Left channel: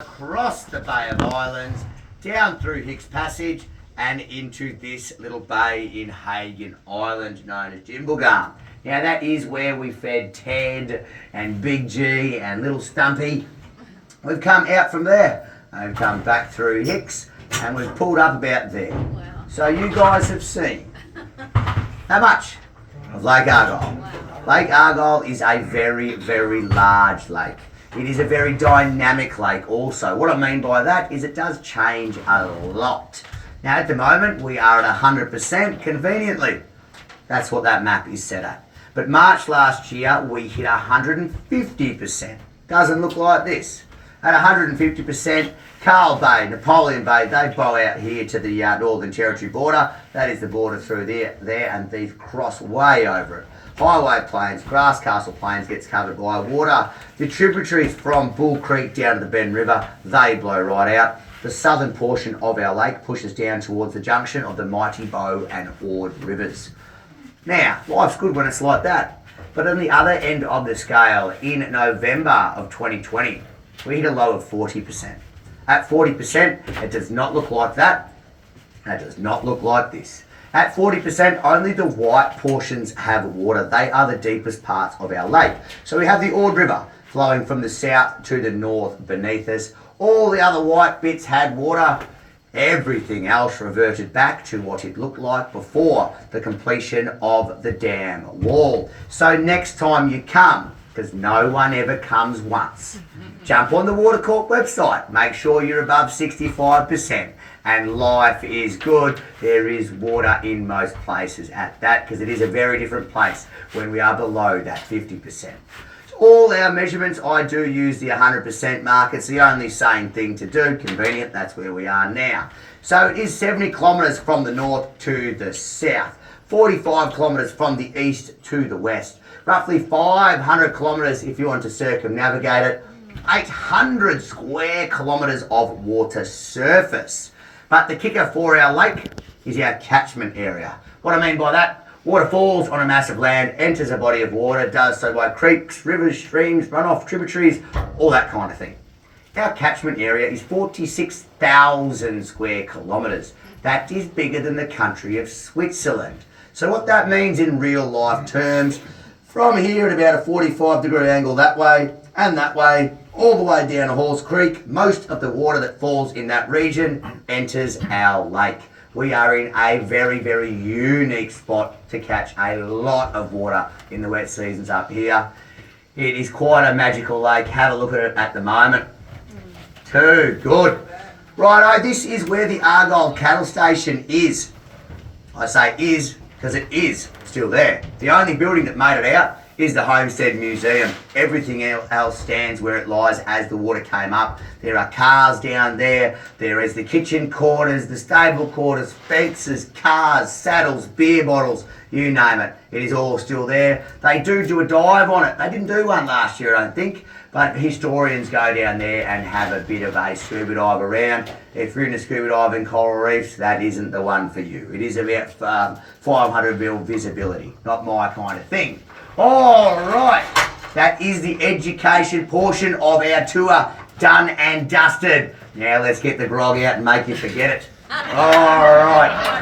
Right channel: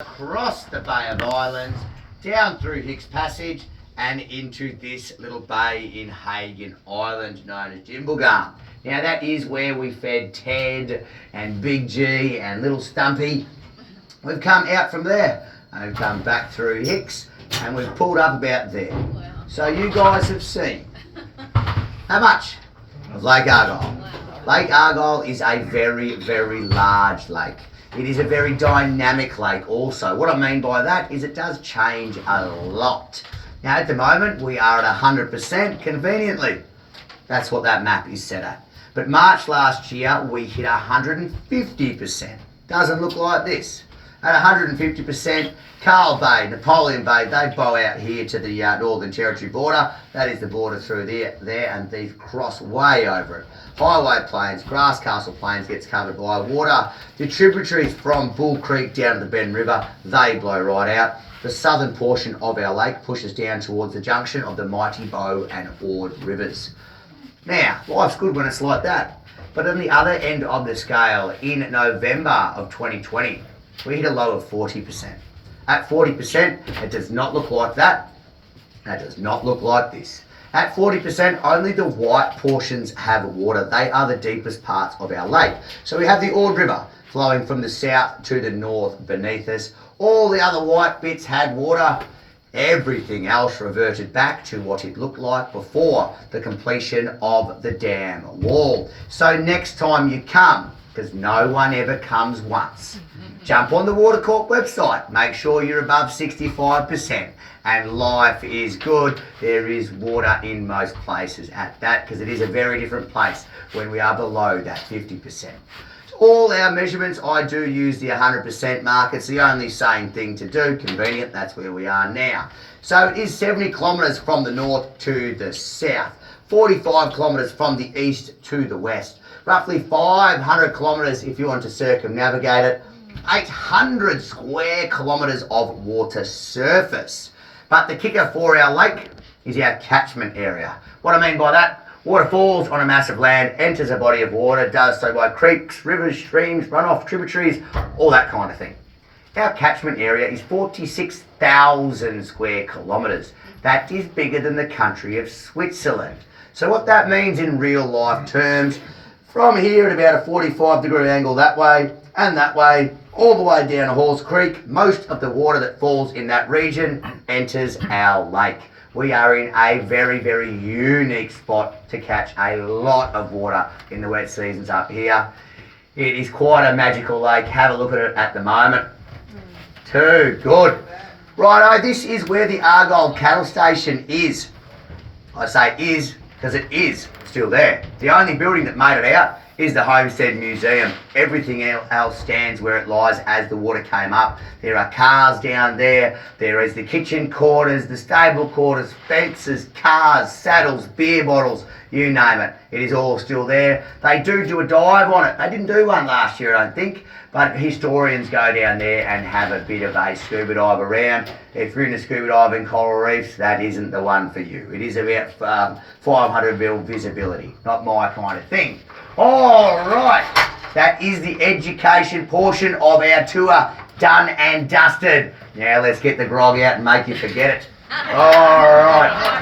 Across the Bay of Islands, down through Hicks Passage and into this little bay in Hagen Island known as Jimblegum. Now that is where we fed Ted and Big G and Little Stumpy. We've come out from there and we've come back through Hicks and we've pulled up about there. Wow. So you guys have seen how much of Lake Argyle. Lake Argyle is a very, very large lake. It is a very dynamic lake also. What I mean by that is it does change a lot. Now at the moment we are at 100% conveniently. That's what that map is set at. But March last year we hit 150%. Doesn't look like this. At 150%, Carl Bay, Napoleon Bay, they bow out here to the Northern Territory border. That is the border through there, and these cross way over it. Highway Plains, Grass Castle Plains gets covered by water. The tributaries from Bull Creek down to the Ben River, they blow right out. The southern portion of our lake pushes down towards the junction of the Mighty Bow and Ord rivers. Now, life's good when it's like that. But on the other end of the scale, in November of 2020, we hit a low of 40%. At 40%, it does not look like that. It does not look like this. At 40%, only the white portions have water. They are the deepest parts of our lake. So we have the Ord River flowing from the south to the north beneath us. All the other white bits had water. Everything else reverted back to what it looked like before the completion of the dam wall. So next time you come, because no one ever comes once, jump on the Watercorp website, make sure you're above 65%, and life is good. There is water in most places at that, because it is a very different place when we are below that 50%. All our measurements, I do use the 100% mark. It's the only sane thing to do. Convenient, that's where we are now. So it is 70 kilometres from the north to the south, 45 kilometres from the east to the west, roughly 500 kilometres if you want to circumnavigate it, 800 square kilometres of water surface. But the kicker for our lake is our catchment area. What I mean by that, water falls on a massive land, enters a body of water, does so by creeks, rivers, streams, runoff, tributaries, all that kind of thing. Our catchment area is 46,000 square kilometres. That is bigger than the country of Switzerland. So what that means in real life terms, from here at about a 45-degree angle that way and that way, all the way down to Halls Creek, most of the water that falls in that region enters our lake. We are in a very, very unique spot to catch a lot of water in the wet seasons up here. It is quite a magical lake. Have a look at it at the moment. Too good. Righto, this is where the Argyle cattle station is. I say is because it is still there. The only building that made it out is the Homestead Museum. Everything else stands where it lies as the water came up. There are cars down there. There is the kitchen quarters, the stable quarters, fences, cars, saddles, beer bottles, you name it. It is all still there. They do a dive on it. They didn't do one last year, I don't think, but historians go down there and have a bit of a scuba dive around. If you're into scuba diving coral reefs, that isn't the one for you. It is about 500 mil visibility, not my kind of thing. All right, that is the education portion of our tour done and dusted. Now let's get the grog out and make you forget it. All right.